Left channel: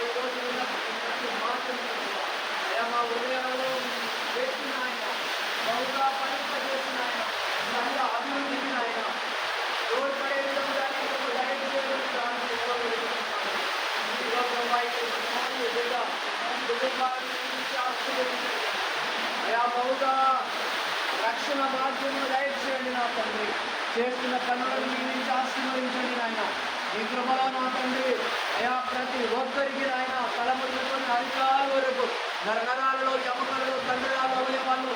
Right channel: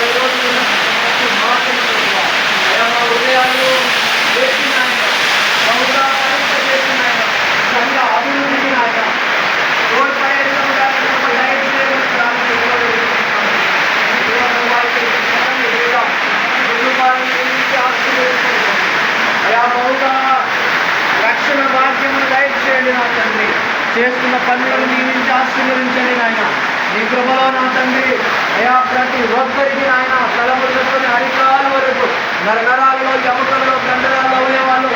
ఈరోజు ప్రతి మాటను ప్రభువా అయా మా హృదయాల్లో వేసిన ఆయన బహుగా ఫలింపజేసిన ఆయన సంఘ అభివృద్ధికి ఆయన తోడ్పడే విధంగా దయచేయమని అయా బహుగా రక్షణ భాగ్యమును దయచేయండి నా తండ్రి. చేస్తున్న పనులను నియమించి ఆశీర్వదించండి నాయన. నీ కృపలో నా తండ్రి అయా ప్రతి ఒక్కరికి నాయన తలములుకొని అరికాల వరకు నరనరాలలో ఎముకలలో కండరాల్లో అవయవాళ్ళు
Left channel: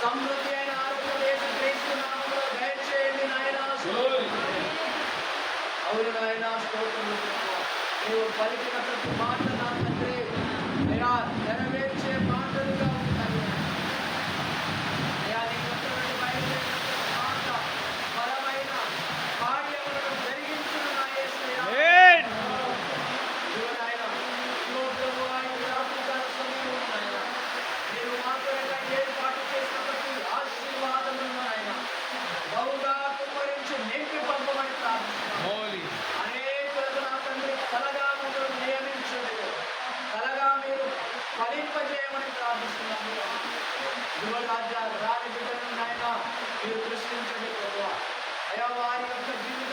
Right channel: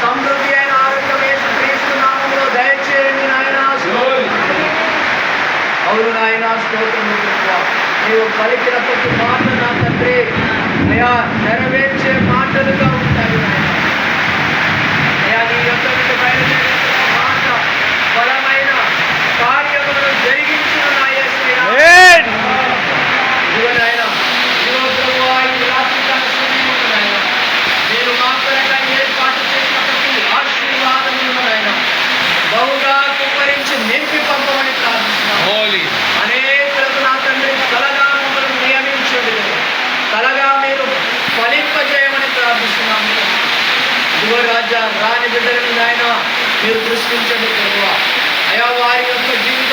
సమృద్ధి అయిన ఆరోగ్యం యేసుక్రీస్తు నామములో దయచేయండి నాయన. అవును నాయన స్తోత్రం. నీవు పలికిన ప్రతి మాట నా తండ్రి అయా నెరవేర్చే మాటలుగా ఉంటాయి. అయా నీ యొక్క మాట బలమైన కార్యములను జరిగించిన నా యేసు ఇదిగో నాయన ఇదిగో ప్రభువా ఈ రాత్రికాల సమయంలో నాయన నేను మా కొరకై ఏర్పాటు చేసిన ప్రతి ఆశీర్వాదములను నాయన బహుగా కుమ్మరించి నింపి పంపమని ప్రార్థిస్తున్నాను. అనేకులకు నా తండ్రి కలగా మమ్మల్ని నియమించండి, కలగా మీరు ఫలింపజేయమని ప్రార్థిస్తున్నాము. ఇదిగో రాజా రాని బిడ్డలను నాయన మీరు దృష్టించండి ప్రభువా. అయా వారి యొక్క జీవితం